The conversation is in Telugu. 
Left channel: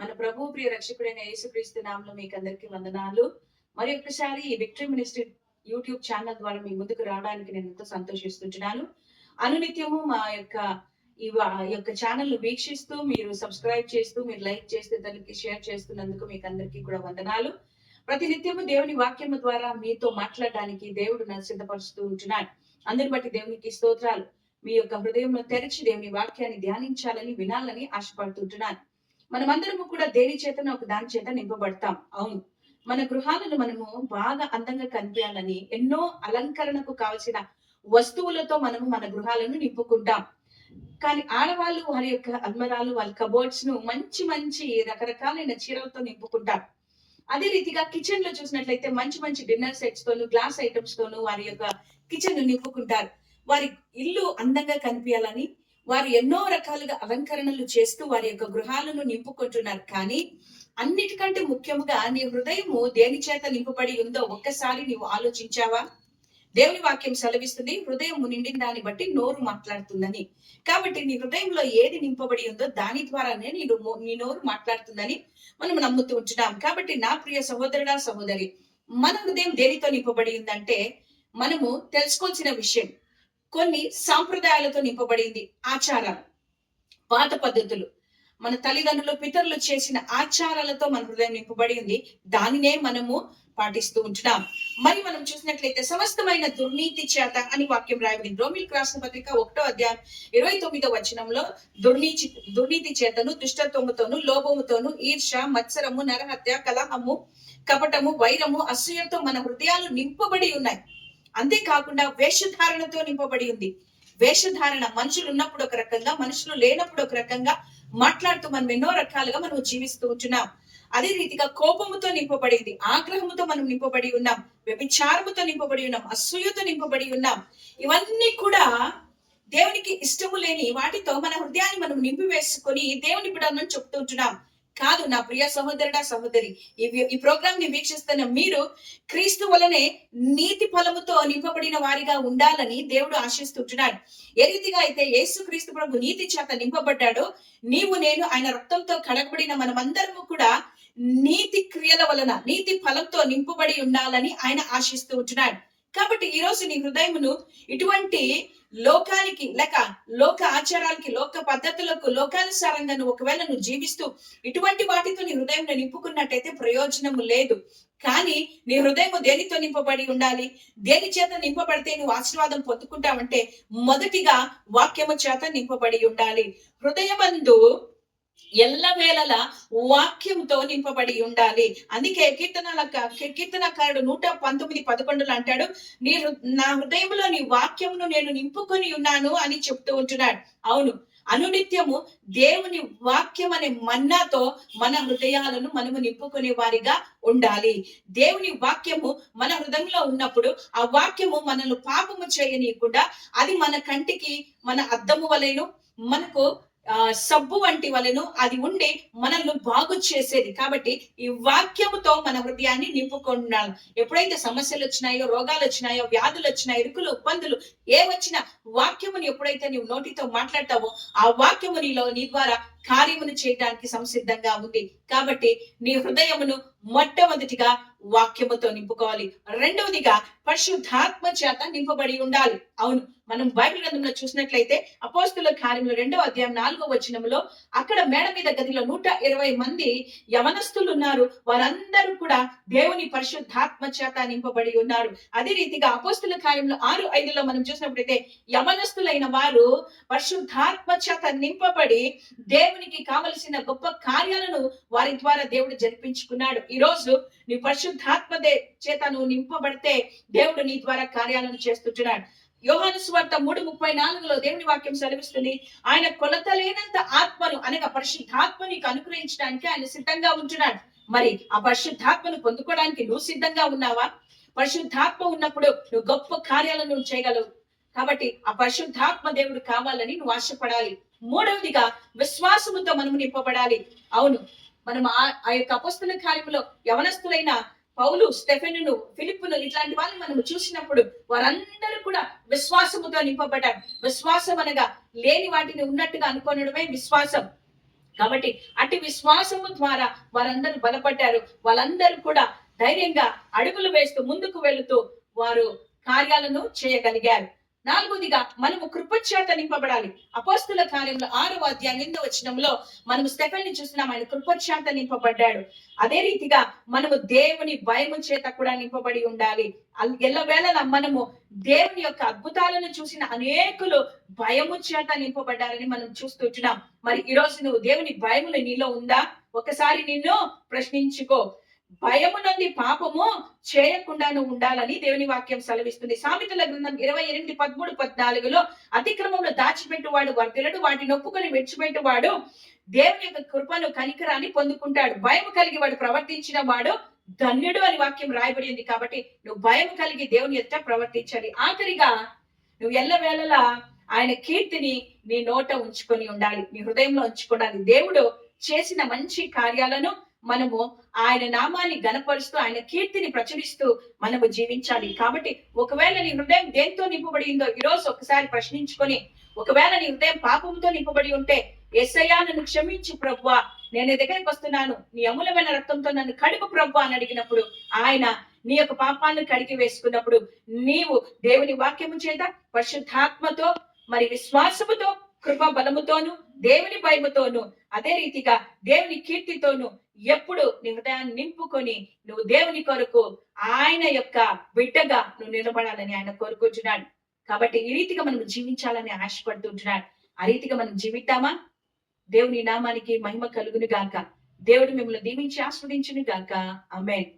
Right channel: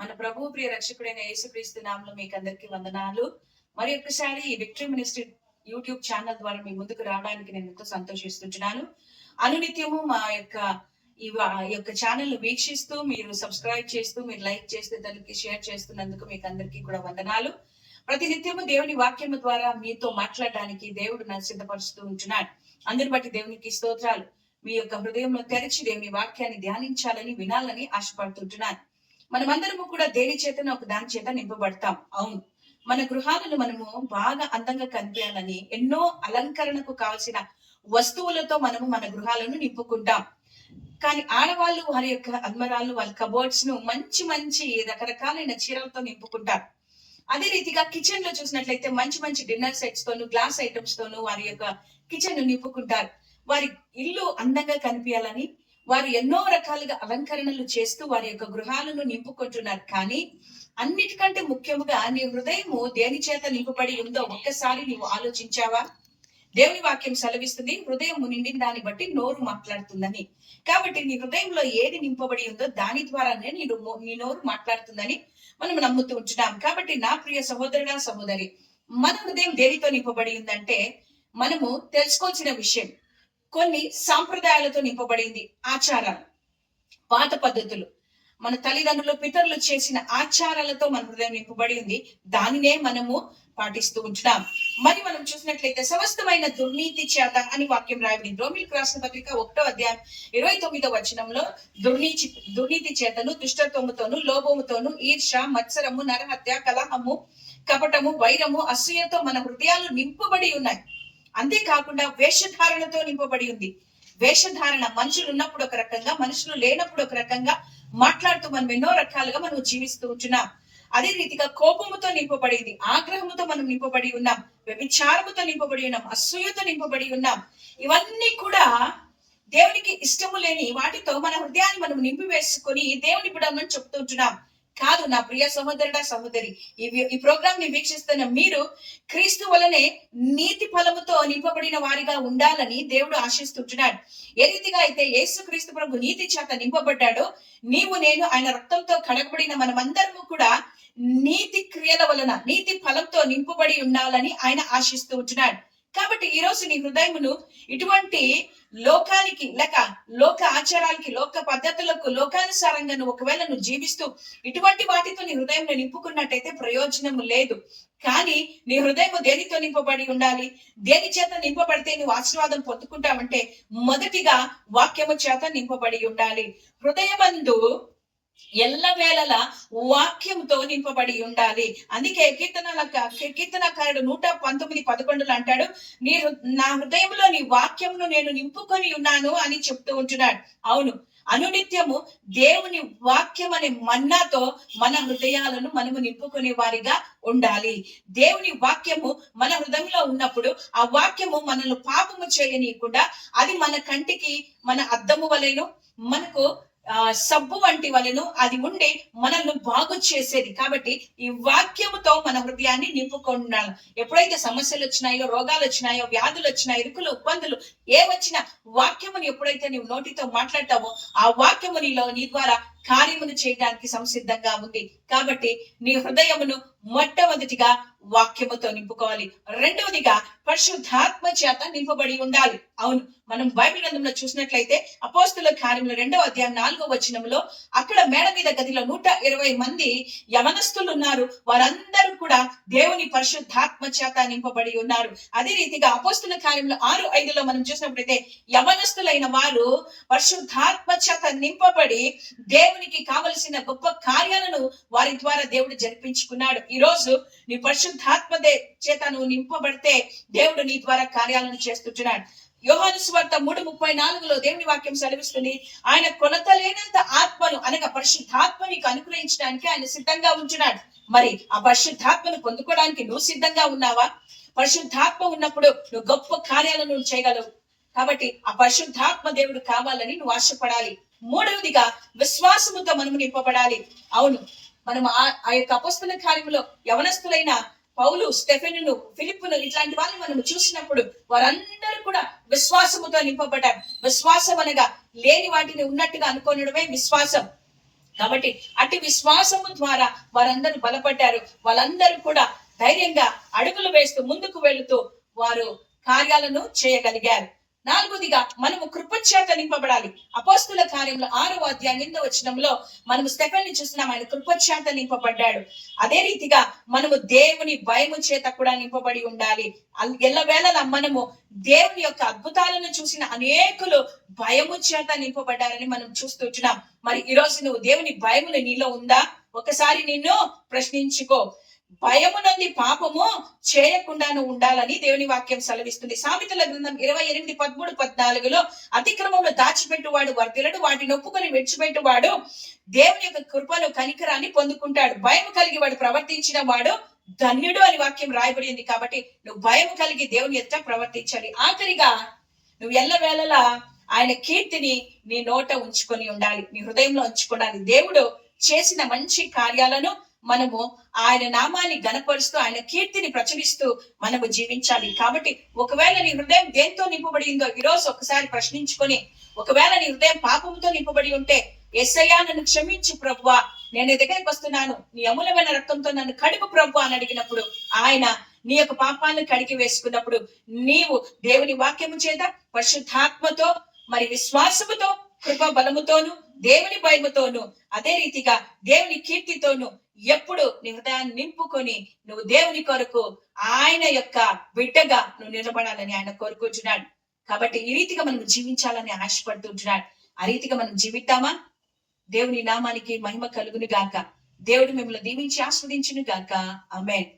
మన ప్రభు ప్రియ రక్షకుడైన యేసుక్రీస్తు నామంలో మీకు అందరికి వందనాలు. మరి ఒక్కసారి ఈ విక్టరీ మినిస్ట్రీ యూట్యూబ్ ఛానల్ ద్వారా మీ ముందుకు రావడానికి నేను ఎంతో సంతోషిస్తుంటున్నాను. అనునిత్యము మా యొక్క ఈ ఈ యొక్క ఛానల్ వీక్షిస్తూ మీరు సబ్స్క్రైబ్ చేస్తూ మీరు లైక్ చేస్తూ దానికి షేర్ చేస్తున్నందుకు మీకు అందరికీ కూడా వందనాలు. ప్రతి నిత్యము దేవుని వాక్యము ద్వారా మీతో మాట్లాడడానికి దేవుడు నన్ను సిద్ధపరుస్తూ ఉంటున్నాడు. అందరి బట్టి దేవునికి స్తోత్రాలు. మీ యొక్క హృదయంలో తెరిచి దేవుని వాక్యాన్ని ధ్యానించాలని వినాలని ఆశపడుతుంటున్నాను. మనమందరము కూడా దేని చేతన ఒక దాని చేత నింపబడతాం. అవును. మన గృహాలను మనము బాగా అందంగా కనిపించాలని ఎన్నో అలంకరణకు కావలసిన వస్తువులతో మనము మన గృహాలను నింపుకుంటాం. కానీ ఆడవాళ్ళు వారి యొక్క అల్మరాలు వాళ్ళ కబోర్డ్స్ను మంచి మంచి రకరకాలైన చీరలతో నింపుకుంటారు అదే రీతిగా కిచెన్లో చూసినట్లయితే మంచి మంచి డిన్నర్ సెట్స్ తోను గ్లాస్ ఐటమ్స్ తోను వారి యొక్క కిచెన్ను నింపుకుంటారు. వారి ఇల్లు అందంగా కనిపించాలని వారు ఎన్నో రకాలుగా అలంకరణలు చేస్తూ వారి యొక్క గృహాలను నింపుకుంటున్నారు. కానీ అన్నిటికంటే ముఖ్యముగా నీ హృదయము దేని చేత నింపబడి ఉందో ఒక్కసారి నీవు ఆలోచించావా? దేవుని వాక్యం సెలవిస్తుంది హృదయం నిండిన దాన్ని బట్టి నోరు మాట్లాడుతుందని. కాబట్టి నీ హృదయంలో ఏది నింపబడి ఉందో దాని ద్వారానే నీ నీ నోరు మాట్లాడుతుందని మనం నమ్ముతూ ఉంటున్నాం. కాబట్టి నా ప్రియ సహోదరుడా సహోదరి మన హృదయం దేనితో నింపబడి ఉందంటే మనము తెలుసుకోవాల్సిన విషయం కొన్ని సాంప్రదాయాలతో నింపబడింది ఆచారాలు పాత పద్ధతులు. మన తల్లిదండ్రులు పితరులు చేసిన ఆచారాలతో మన హృదయం నింపబడి ఉంది దానినే మనము పాటిస్తూ ఉంటున్నాం. మరి మనం చూసినట్లయితే సమస్తమైన దుర్నీతి చేత అని వాక్యం రాయబడింది. రోమిల్ రాసిన పత్రిక ఒకటో అధ్యాయం ఇరవై తొమ్మిదో వచనంలో దుర్నీతి దుర్నీతి చేతను దుష్టత్వముతోను లోభముతోను ఈర్ష మత్సరము నరహత్య కలహము కపటము వైరము అసూయతో మన హృదయాలు నింపబడి ఉన్నాయి. అంతేకాకుండా వేషధారణతో నింపబడి ఉంది. వేషధారణ మనుషులు ఉన్నప్పుడు ఒక రకంగా మనుషులు లేనప్పుడు ఒక రకంగా మాట్లాడుతూ మనం ఎన్నో రకాలుగా మనం జీవిస్తూ ఉంటున్నాం. అదే రీతిగా కోపముతో నింపబడింది ఆగ్రహముతో మనం నింపబడి ఉన్నాం వ్యభిచారముతో నింపబడి ఉన్నాం అసూయతో నింపబడి ఉన్నాం. ఇవన్నీ కూడా దేవునికి ఇష్టము లేని వాటితో మన హృదయాన్ని మనం నింపివేసుకొని దేవుని బిడ్డలను చెప్తూ ఉంటున్నాం. కాదు నా ప్రియ సహోదరుడా సహోదరి ఈ ఈ ప్రోగ్రామ్ని వీక్షిస్తున్న మీరు క్రీస్తు వలనే నీతి ఫలముతో నింపబడిన వారిగా ఉండాలని దేవుడు ఆశిస్తుంటున్నాడు. ఏ రీతిగా అయితే యేసు క్రీస్తు ప్రభు నీతి చేత నింపబడ్డాడో నీవు నేను ఆయన రక్తంతో కడగబడిన మనమందరము కూడా నీతి క్రియల వలన నీతి ఫలంతో నింపబడి ఉండాలని ఆయన ఆశిస్తూ ఉంటున్నాడు. కాబట్టి ఈ రోజు నీ హృదయమును ఇటువంటి లోకానికి లేక లోక ఆచారాలకి లోక పద్ధతులకు లోకానుసారంగా నువ్వు ఒకవేళ నువ్వు జీవిస్తూ ఇటువంటి వాటితో నీ హృదయం నింపుకున్నట్టయితే ప్రయోజనము లేదు. కానీ నీ హృదయం దేనితో నింపబడి ఉండాలి? దేని చేత నింపబడితే నువ్వు ఆశీర్వాదం పొందుకుంటావంటే మొదటిగా వాక్యము చేత నింపబడి ఉండాలి. హృదయమందు ఎల్లవేళల వాక్యంతో నింపబడి ఉండాలి. అందుకే కీర్తనల కీర్తనకారుడు నూట పంతొమ్మిది పదకొండులు అంటాడు నీ నా హృదయంలో నీ వాక్యమును నేను నింపుకొని ఉన్నాను అని చెప్తూ ఉంటున్నాడు. అవును అనునిత్యము దేవుని వాక్యం అనే మన్నాతో మన హృదయాలను మనము నింపుకునే వారిగా ఉండాలి. దేవుని వాక్యము మన హృదయంలో ఉన్నప్పుడు ఆ వాక్యము మనల్ని పాపము చేయనీయకుండా అది మన కంటికి మన అద్దము వలెను మనకు సబ్బు వంటి వలెను అది ఉండి మనల్ని బాగు చేసేది. కాబట్టి ఈ వాక్యముతో మన హృదయాన్ని నింపుకున్నాను ఎప్పుడైతే సమస్యలు వచ్చినాయో రోగాలు వచ్చినాయో వ్యాధులు వచ్చినాయో ఇరుకులు ఇబ్బందులు ఏ వచ్చినా వాక్యముని ఎప్పుడైతే నీవు నోటితో మాట్లాడతావో ఆ వాక్యము నీలో నీ ద్వారా కార్యమును చేయడానికి సంసిద్ధంగా ఉంది. కాబట్టి నీ హృదయమును మొట్టమొదటిగా వాక్యముతో నింపుకోవాలి. రెండవదిగా పరిశుద్ధాత్మ చేత నింపబడి ఉండాలి. అవును మనం బైబిల్ గ్రంథంలో చూసినట్లయితే అపోస్తుల కార్యములు రెండవ అధ్యాయం నాలుగో వచనంలో అక్కడ మేడ మీద గదిలో నూట ఇరవై మంది యవనస్తులు ఉన్నారు. వారందరూ కూడా దేవుని పరిశుద్ధాత్మ చేత నింపబడి ఉన్నారు. అదే రీతిగా అపోస్తుల కార్యములు ఆరు ఐదులో మనం చూసినప్పుడైతే యవనస్తులైన వారు పరిశుద్ధాత్మ చేత నింపబడి దేవునికి కావలసిన గొప్ప కార్యాలను వారి ద్వారా దేవుడు జరిపించుకున్నాడు. ఈ రోజు నీ పరిశుద్ధాత్మ చేత నువ్వు నింపబడితే దేవుడు నీ ద్వారా కార్యాలను చేస్తుంటున్నాడు. యోహాను సువార్త మూడు ముప్పై నాలుగులో దేవుని వాక్యం సెలవిస్తుంది. ఆయన కొలత లేనంత ఆత్మను అనగా పరిశుద్ధాత్మ నీకు అనుగ్రహించడానికి ఆయన సిద్ధంగా ఉంటున్నాడు. మరి ఆ పరిశుద్ధాత్మను పొందుకోవడానికి నువ్వు సిద్ధంగా ఉన్నావా? పరిశుద్ధాత్మ ఉన్నప్పుడు నువ్వు గొప్ప కార్యాలను చేయగలవు. కాబట్టి ఆ పరిశుద్ధాత్మ దేవుడు కావాలని నువ్వు ఆశపడాలి. మూడవదిగా విశ్వాసముతో మనము నింపబడాలి. అవును మనం ఆ ఆ యొక్క అపస్తుల కార్యంలో యవనస్తులైన పౌలు స్టెఫెనును ఫిలిప్పును ఇట్లాంటి వాళ్ళని మనం చూసినప్పుడు వారందరూ కూడా విశ్వాసముతో నింపబడ్డారు విశ్వాసం అనగా లేని వాటిని ఉన్నట్టుగా అనుకోనడమే విశ్వాసం. కాబట్టి అటు విశ్వాసము ద్వారా వారందరూ బలపడ్డారు. వాళ్ళందరూ కూడా ధైర్యంగా అడుగులు వేస్తూ ముందుకు వెళుతూ వారు కార్యాలను చేయగలిగారు. నాలుగోదిగా మనము కృపచేత నింపబడాలి. అపోస్తుల కార్యంలో ఆరవ అధ్యాయం ఎనిమిదవ వచనంలో మనము స్టెఫెన్ని చూస్తున్నాం ఆయన కృపచేత నింపబడ్డాడు. అదే రీతిగా మనము దేవుని భయము చేత కూడా నింపబడి ఉండాలి. ఎల్లవేళలా మనము దేవుని యొక్క అద్భుతాలను చూసిన అనేకులు భయము చేత నింపబడ్డారని మనం చూస్తుంటున్నాం మరి ఈ రోజు నువ్వు దేవుని భయములు నీలో ఉందా? ఒకసారి నిన్ను ప్రశ్నించుకో. భయము నుండి పాపము చేయకుండాను ఉండాలని దేవుని వాక్యం సెలవిస్తుంది. సామెతల గ్రంథం ఇరవై ఎనిమిది పదమూడు పద్నాలుగులో అతిక్రమంలో దాచిపెట్టువాడు వర్తిలడు వాటిని ఒప్పుకొని విడిచిపెట్టువాడు దేవుని యొక్క కృపను కనికరాన్ని పొందుకుంటాడు. భయం కలిగి వాడు ప్రవర్తించిన వాడు ధన్యుడు అని వాక్యం రాయబడింది కాబట్టి నువ్వు భయం కలిగి దేవుని ఎత్త ప్రవర్తించాలి. ఆఖరిగా నువ్వు ఎల్లవేళలా ఆయన కీర్తిని నీ నోట ఉంచుకొని ఉండాలి. నీ హృదయంలో ఉంచుకోవాలి దేవుడు చేసిన మంచి కార్యాలను మనము ఆయన నామాన్ని గనపరుస్తూ ఆయన కీర్తిని ప్రచురిస్తూ మనము జీవించాలి. కాబట్టి ఒకవేళ నీ హృదయం దేంతో నింపబడిందో ఈ రోజు ఒకసారి ప్రశ్నించుకొని ఒకవేళ నీ హృదయం పాపంతో నింపబడి ఉంటే ఎస్ఐయా నన్ను క్షమించు ప్రభువా. నేను దగ్గరికి వస్తున్నాను. నీ అమూలమైన రక్తంతో నన్ను కడుపు ప్రభు అని అడిగినప్పుడు ఆయన నీ యొక్క పాపాలను కడిగి వేసుకున్నప్పుడు నీవు దేవుని వాక్యము చేత పరిశుద్ధాత్మతో మరి విశ్వాసముతో కృప బలముతోను దేవుని భయముతోను అదే రీతిగా దేవుని కీర్తితోను ఎప్పుడు నీ హృదయాన్ని నింపుకొని నువ్వు దేవుని కొరకు ఆయన యొక్క బిడ్డగా నువ్వు నిలబడాలని ఆయన కోరుకుంటున్నాడు. కాబట్టి ఈ రీతిగా మనం జీవించాలని ఆశపడుతుంటున్నాడు. ఆ రీతిగా మనం జీవితామా దేవుని నామానికి మహిమ కలుగును గాక దేవుడు మిమ్మల్ని దీవించి ఆస్వాదించును గాక అమెన్